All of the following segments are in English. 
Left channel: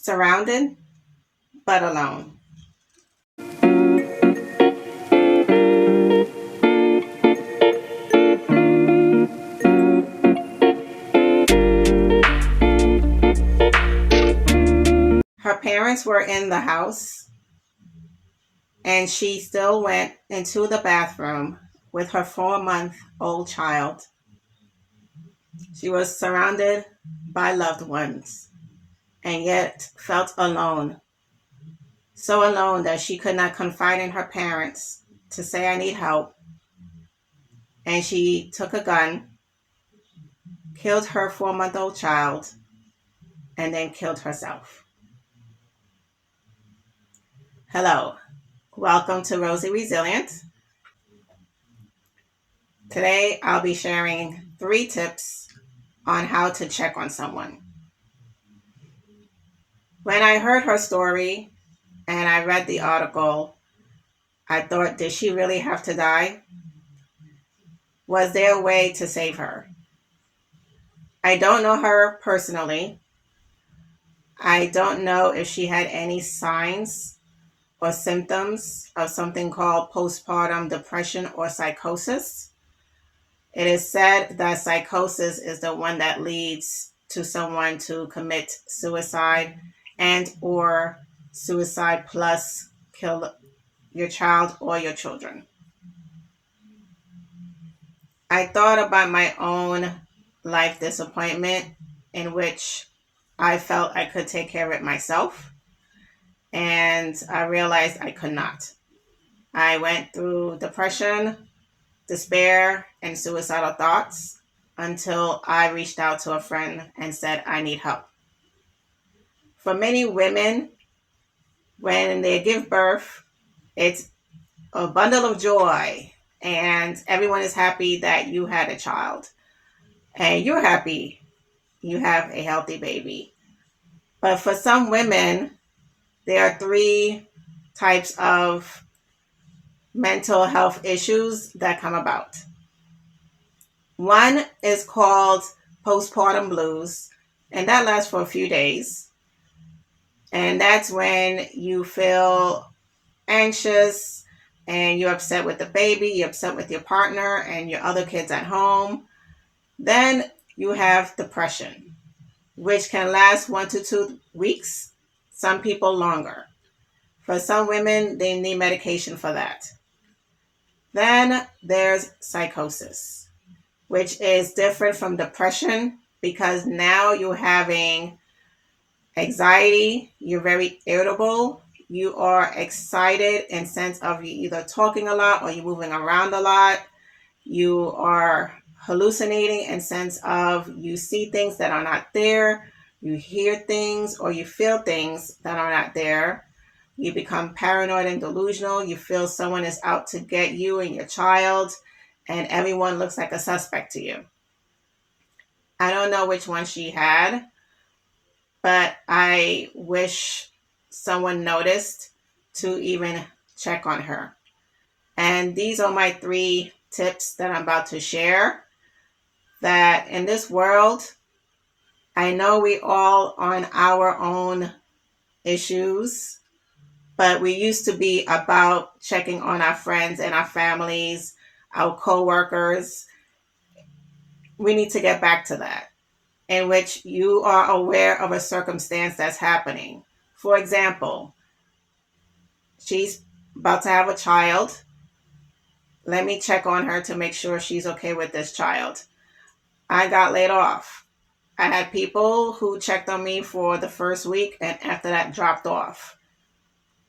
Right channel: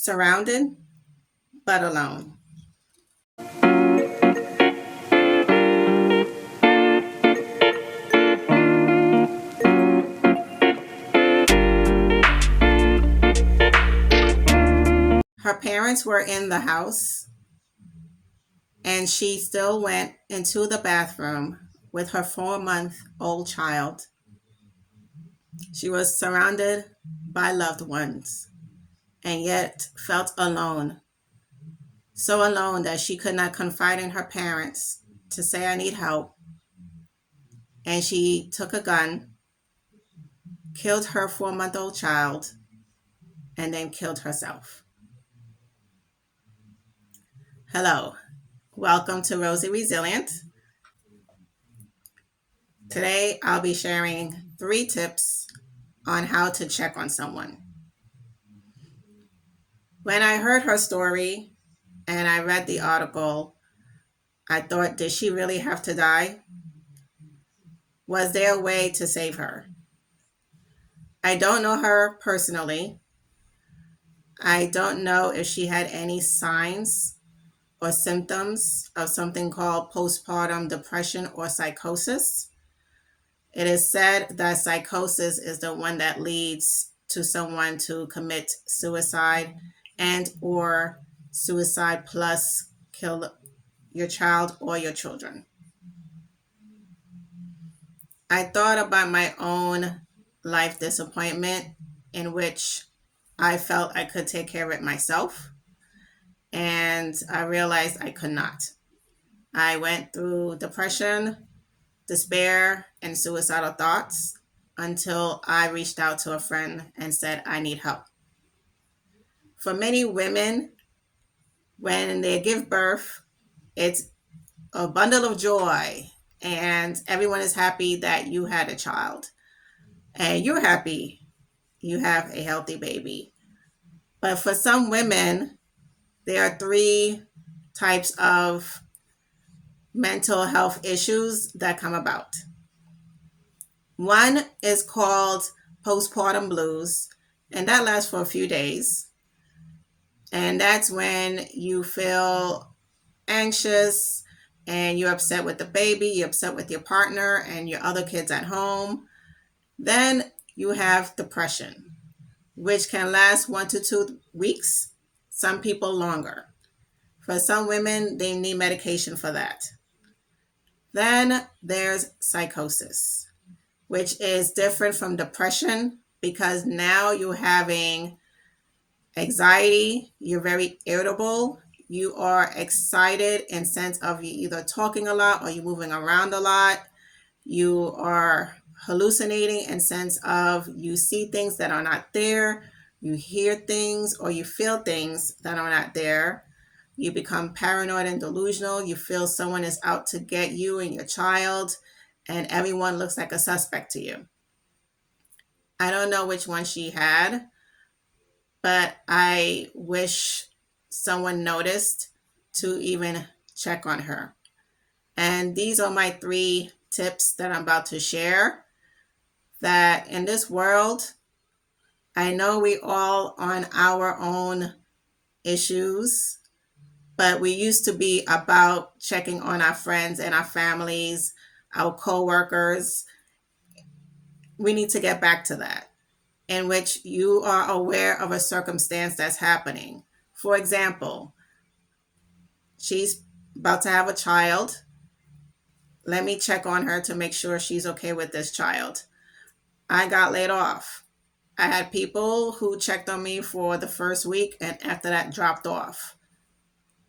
Surrounded but alone. Her parents were in the house, and she still went into the bathroom with her 4-month old child. She was surrounded by loved ones and yet felt alone. So alone that she could not confide in her parents to say, I need help. And she took a gun, killed her 4-month-old child, and then killed herself. Hello, welcome to Rosie Resilient. Today I'll be sharing 3 tips on how to check on someone. When I heard her story and I read the article, I thought, did she really have to die? Was there a way to save her? I don't know her personally. I don't know if she had any signs or symptoms of something called postpartum depression or psychosis. It is said that psychosis is the one that leads to someone to commit suicide and or suicide plus kill your child or your children. I thought about my own life disappointment in which I felt I could take care of it myself, and I realized I could not. I went through depression, despair, and suicidal thoughts until I reached out to a friend and said, I need help. For many women, when they give birth, it's a bundle of joy, and everyone is happy that you had a child, and you're happy you have a healthy baby. But for some women, there are 3 types of mental health issues that come about. One is called postpartum blues, and that lasts for a few days. And that's when you feel anxious and you're upset with the baby, you're upset with your partner and your other kids at home. Then you have depression, which can last 1 to 2 weeks, some people longer. For some women, they need medication for that. Then there's psychosis, which is different from depression because now you're having anxiety, you're very irritable, you are excited in sense of you either talking a lot or you're moving around a lot, you are hallucinating in sense of you see things that are not there, you hear things or you feel things that are not there. You become paranoid and delusional. You feel someone is out to get you and your child, and everyone looks like a suspect to you. I don't know which one she had, but I wish someone noticed to even check on her. And these are my 3 tips that I'm about to share. That in this world, I know we all on our own issues, but we used to be about checking on our friends and our families, our coworkers. We need to get back to that, in which you are aware of a circumstance that's happening. For example, she's about to have a child. Let me check on her to make sure she's okay with this child. I got laid off. I had people who checked on me for the first week and after that dropped off.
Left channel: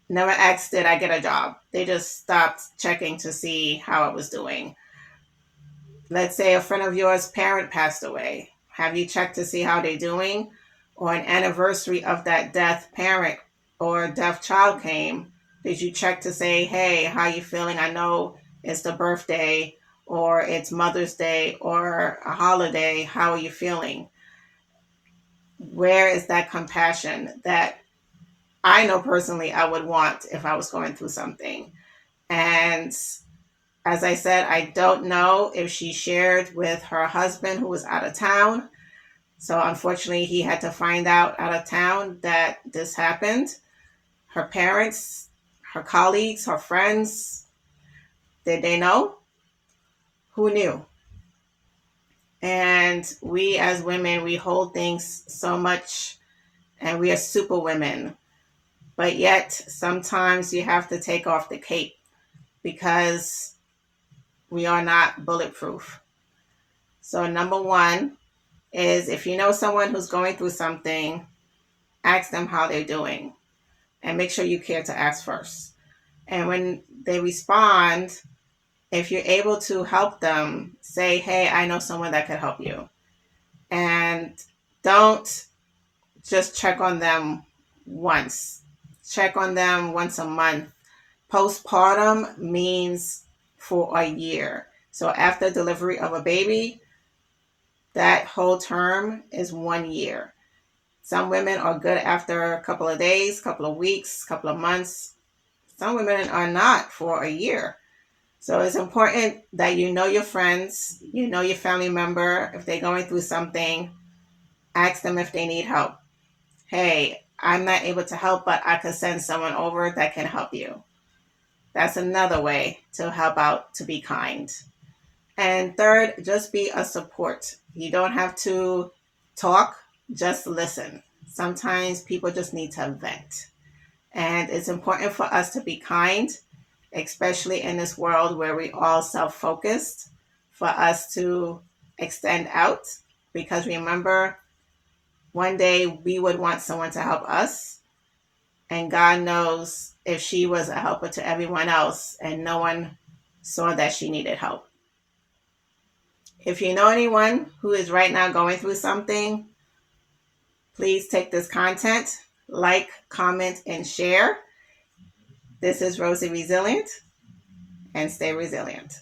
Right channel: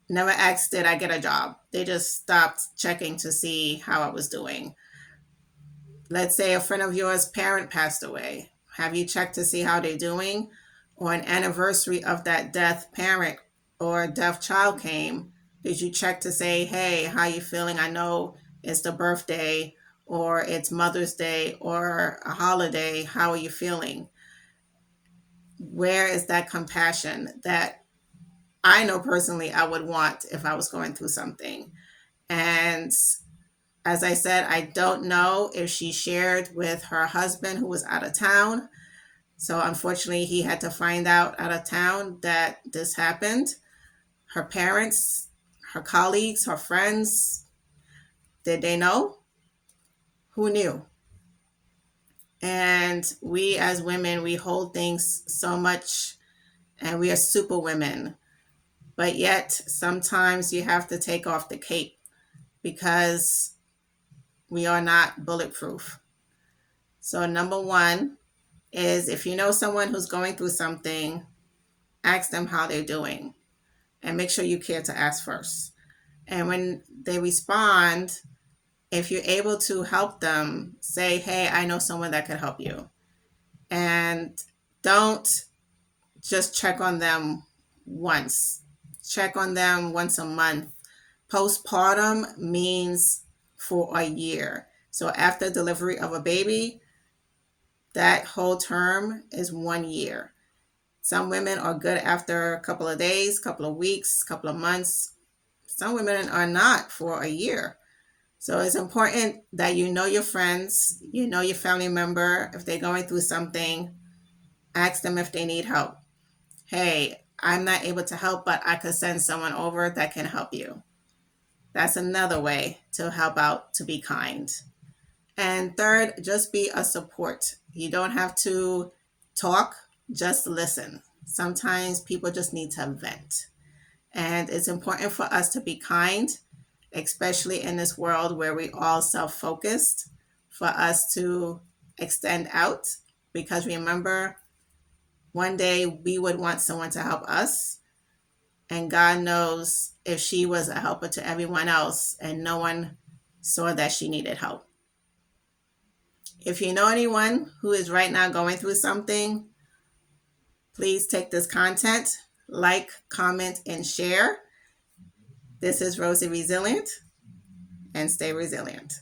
Never asked, did I get a job? They just stopped checking to see how I was doing. Let's say a friend of yours' parent passed away. Have you checked to see how they're doing? Or an anniversary of that death parent or deaf child came. Did you check to say, hey, how you feeling? I know it's the birthday or it's Mother's Day or a holiday. How are you feeling? Where is that compassion that I know personally I would want if I was going through something? And as I said, I don't know if she shared with her husband who was out of town, So unfortunately, he had to find out of town that this happened. Her parents, her colleagues, her friends, did they know? Who knew? And we as women, we hold things so much and we are super women. But yet, sometimes you have to take off the cape because we are not bulletproof. So, number one is if you know someone who's going through something, ask them how they're doing and make sure you care to ask first. And when they respond, if you're able to help them, say, hey, I know someone that could help you. And don't just check on them once, check on them once a month. Postpartum means for a year. So after delivery of a baby, that whole term is 1 year. Some women are good after a couple of days, couple of weeks, couple of months. Some women are not for a year. So it's important that you know your friends, you know your family member. If they're going through something, ask them if they need help. Hey, I'm not able to help, but I could send someone over that can help you. That's another way to help out, to be kind. And third, just be a support. You don't have to talk, just listen. Sometimes people just need to vent. And it's important for us to be kind, especially in this world where we all self-focused, for us to extend out. Because remember, one day we would want someone to help us. And God knows if she was a helper to everyone else and no one saw that she needed help. If you know anyone who is right now going through something, please take this content, like, comment, and share. This is Rosie Resilient, and stay resilient.